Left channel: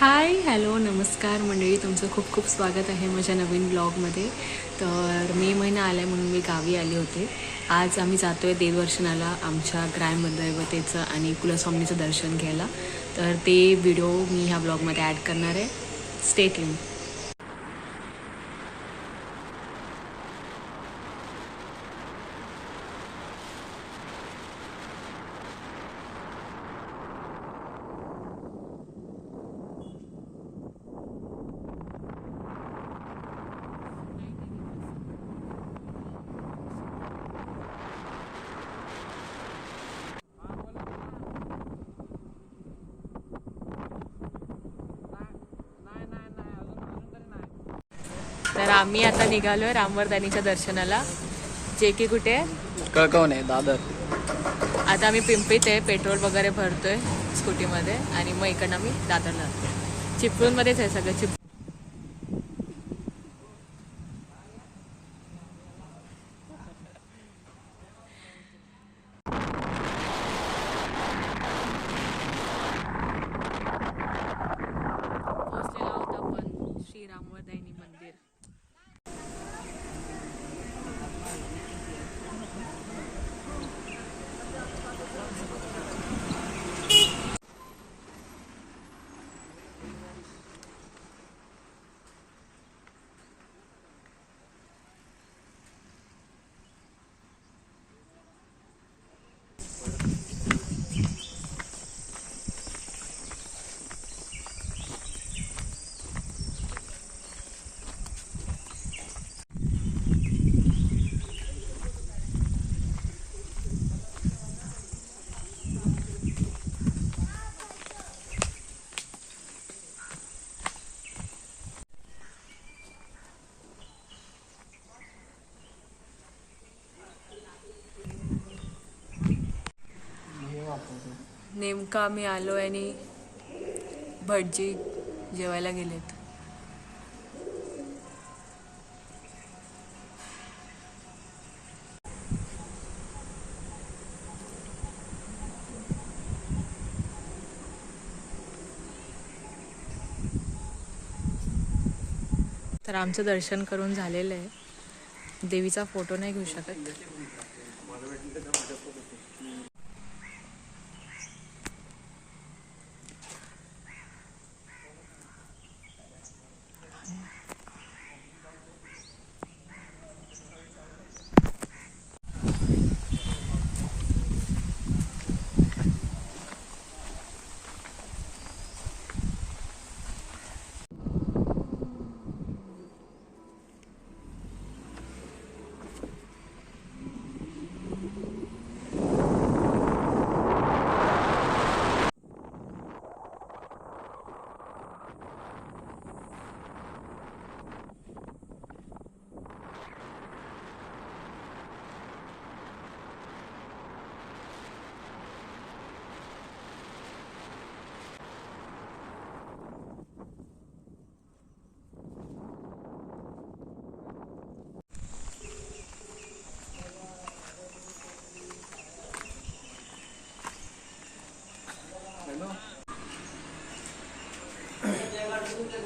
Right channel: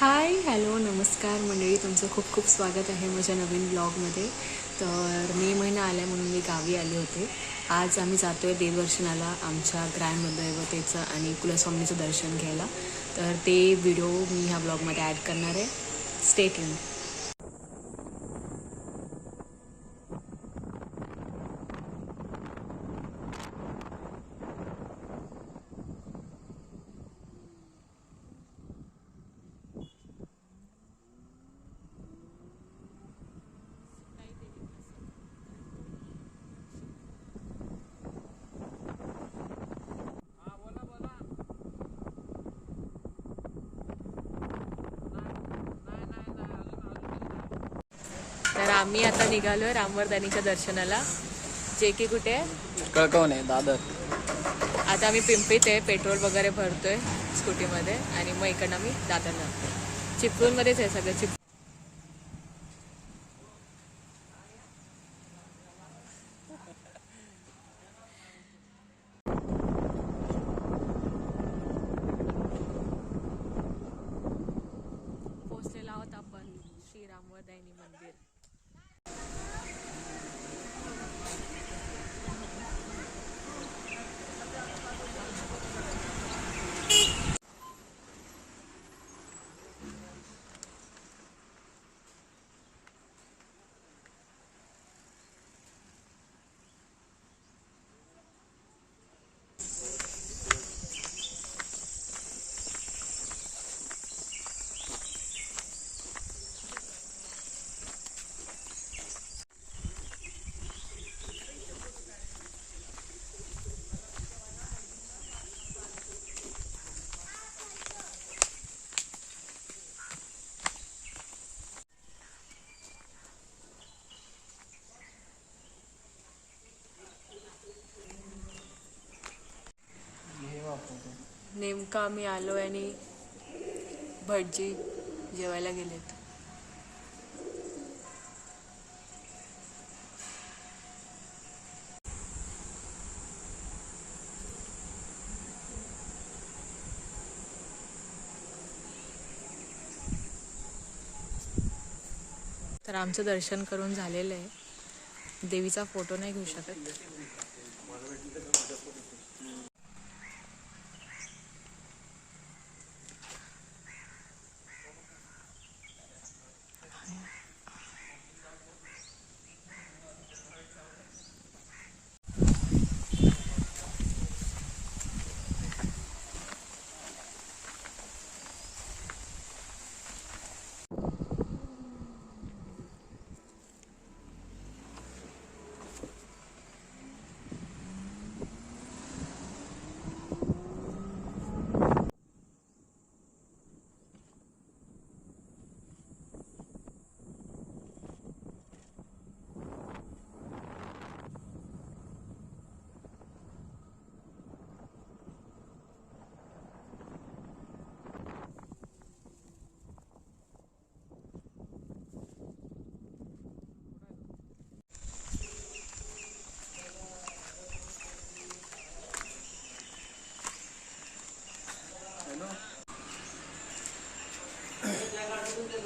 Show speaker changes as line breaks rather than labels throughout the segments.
Hi hello नमस्कार मंडळी. तुमचं खूप खूप स्वागत आहे माझ्या नवीन ब्लॉगमध्ये. तर मे महिना आला म्हणून मी गावी आले होते. आज आम्ही जातो आहे देवदर्शनाला आमच्या ग्रँडमदैवतेचं आणि कुलस्वामीचं दर्शन घ्यायला. तर ते व्हिडिओ मी ह्या ब्लॉगमध्ये ॲड करणार आहे. स्टेट येऊन तर आम्ही आता निघालोय रामवरदानीच्या दर्शनाला. जे की कुठे? आहे?
कळकवण आहे? दादर.
आता आम्ही पिंपीत आहे पेट्रोल वगैरे भरतोय स्कूटीमध्ये आणि मग इकडनं आम्ही दादरला चिपळूणमध्येच आहे सगळं चिप पोहोचलेलो आहोत आपण श्री रामवरदायनी मंदिर नेमका आम्ही आलो आणि भटजी जेवायला गेलेत. तर आमचं दर्शन करून झालेलं आहे. देवीचा फोटो नाही घेऊ शकत.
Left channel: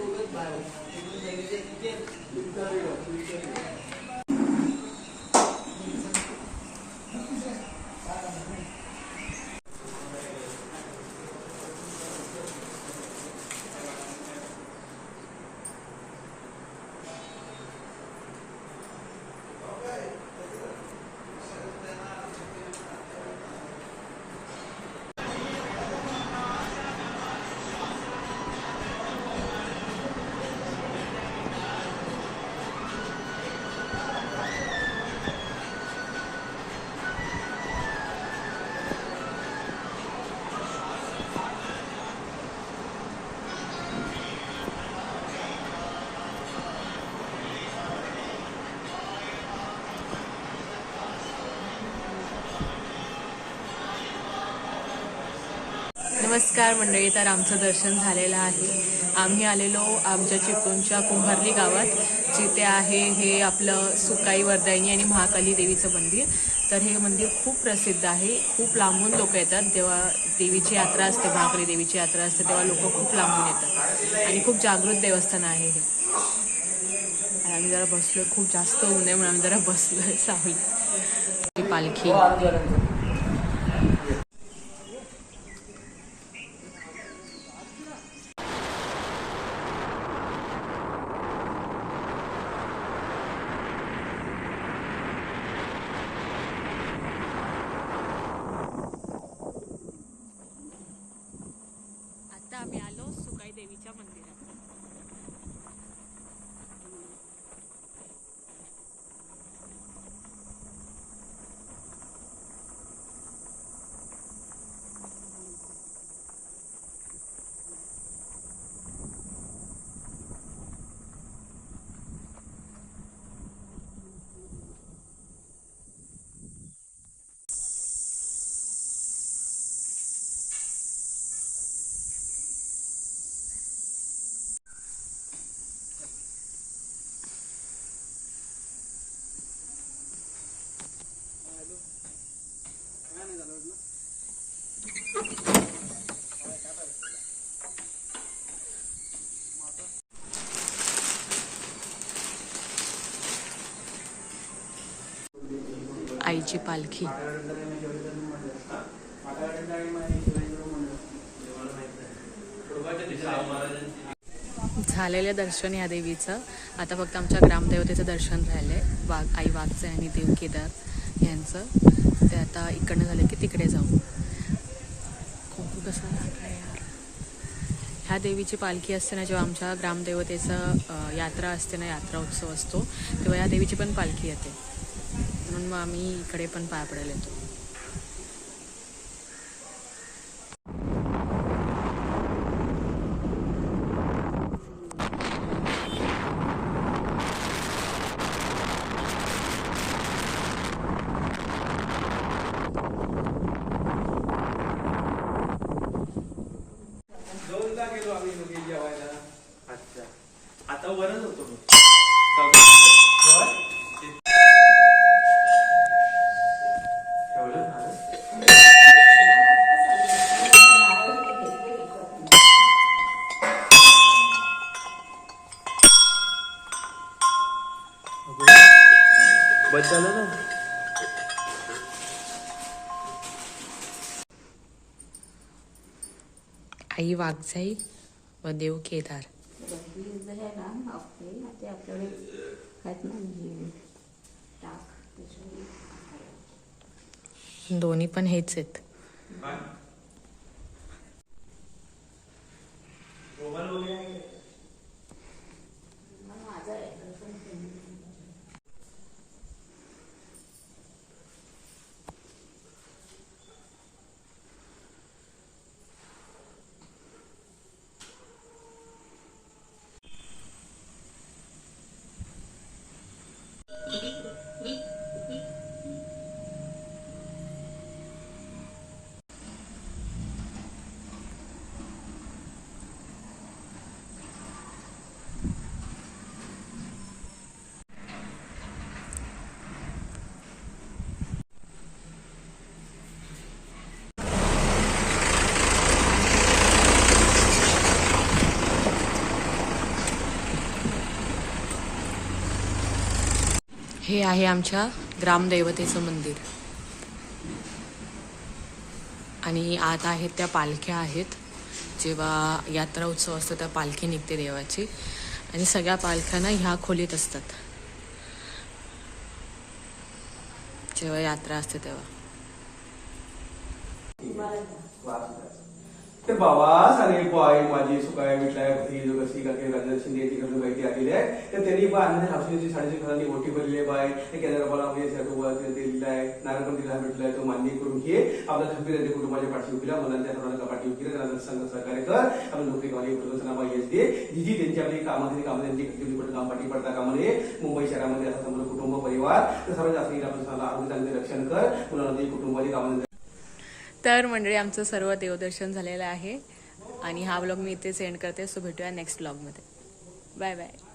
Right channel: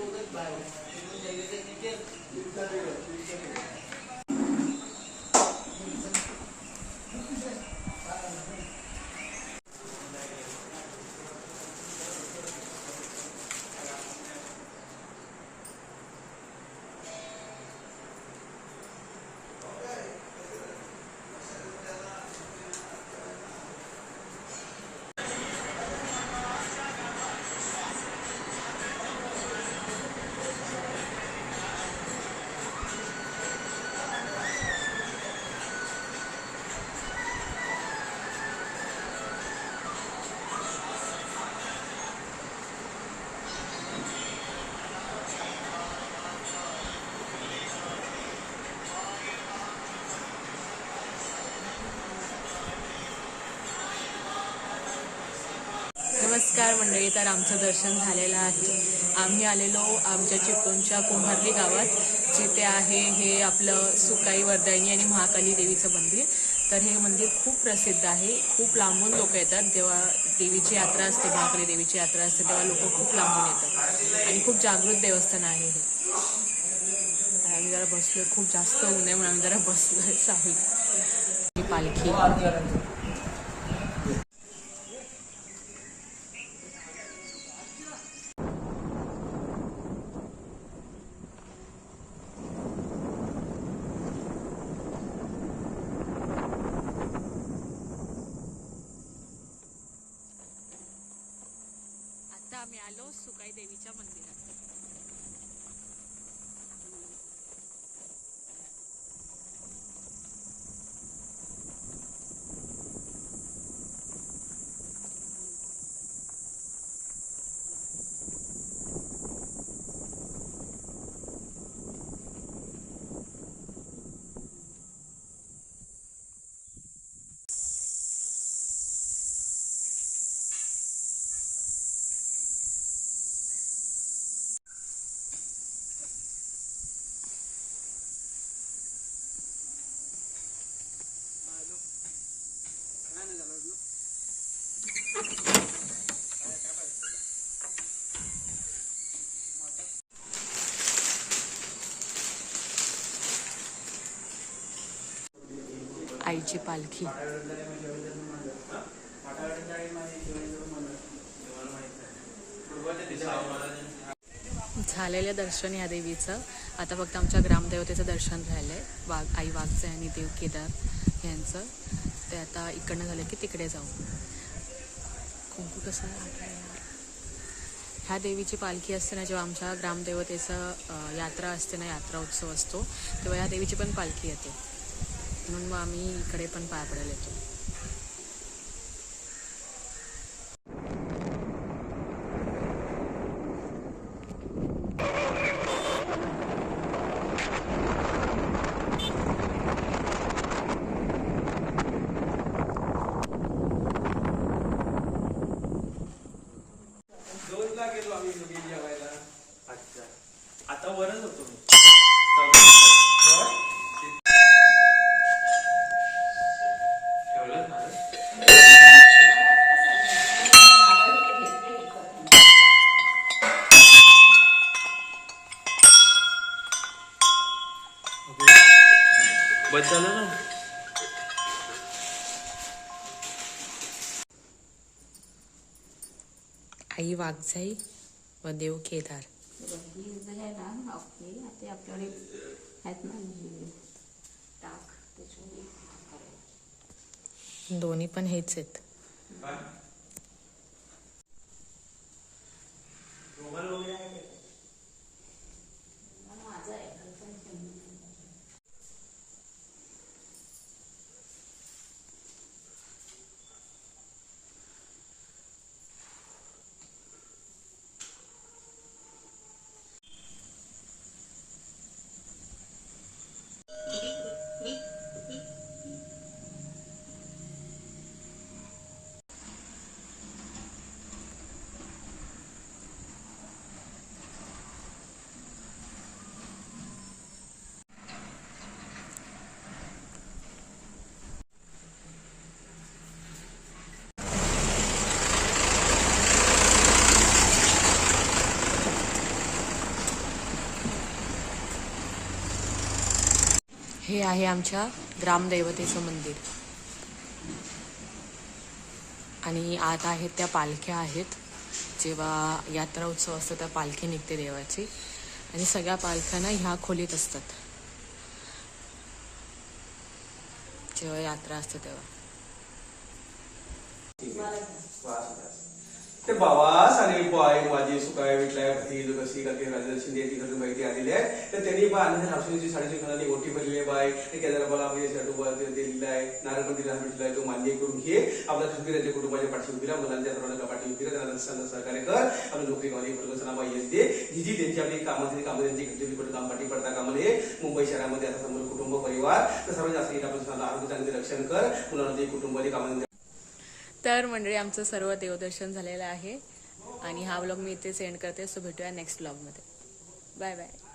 Thank you. नमस्कार मंडळी तर आमचं दर्शन झालेलं आहे. आम्ही आलेलो आमच्या चिपळूणच्या कुंभारली गावात. जिथे आहे हे आपलं सुकाई वर्दायनी आणि महाकाली देवीचं मंदिर. तर हे मंदिर खूप प्रसिद्ध आहे. खूप लांबून लोक येतात. जेव्हा देवीची यात्रा असते महाकाली देवीची यात्रा असते तेव्हा लोक खूप लांबून येतात. आणि खूप जागृत देवस्थान आहे हे. आम्ही जरा बसलो खूप जास्त ऊन आहे म्हणून आम्ही जरा बसलोय सावली पालखी आता आम्ही आलो सुकाई देवीच्या मंदिरात आईची पालखी. झालेलं दर्शन या देवीचं. आता फक्त आमच्या ग्रामदेवतेचं दर्शन झालंय वाघ आई वाघचं आणि देव केदार यांचं. ते आता इकडनं झालं की तिकडे जाऊ. कुंकू कसा यार. ह्या देवीची पालखी असते ना जेव्हा आमच्या ग्रामदेवतेचं यात्रा असते ना यात्रा उत्सव असतो तेव्हा या देवीची पण पालखी येते. म्हणून मग आम्ही इकडे पण पाय पडायला येतो
दोनदा गेलो आम्ही घरी जेवायला अच्छा आता वरच होतो मी ठेवलं ना झालं ना
आई वाघजाई व देव केदार. दोन्ही पण हेच आहेत. हे आहे आमच्या ग्रामदैवतेचं मंदिर. आणि आत आहेत त्या पालख्या आहेत. जेव्हा यात्रा उत्सव असतो त्या पालखी निघते देवाची. आणि सगळ्या पालख्यांना ह्या खोलीत असतात. जेव्हा यात्रा असते तेव्हा.
ते बाबा सारे पाय माझी सुकाय विटलाय कशी का ते शिंदे तिकडे माहिती आलेली आहे. तर त्यांनी बा आणि राष्ट्रीय साडेशे कोणाली मोठी भरली आहे बाय केदारबाला म्हणजे साठी आहे नारायण मंदिर भेटलाय तो मान्य करून घे. आपला काश्मीराच्या कुटुंबाच्या पाठी उभी राहा. मुलांच्या सर्वांच्या पाठी उभी राहा. संघ सहकार्य कर. आपण नोकरी कमाई प्रदर्शनामा येते. जी जी त्यांची आपली कामाची कामं त्यांची घडलेली कुठे काम पाठी पडता कामा नये मुंबई शहरामध्ये आता समोर कुटुंब परिवार. तर सर्वात जास्त आरोग्य चांगले रक्षण कर. मुलांना कुटुंबाची कामं
तर मंडळी आमचं सर्व देवदर्शन झालेलं आहे. आणि हा ब्लॉग मी इथे सेंड करते. सो भेटूया नेक्स्ट ब्लॉगमध्ये बाय बाय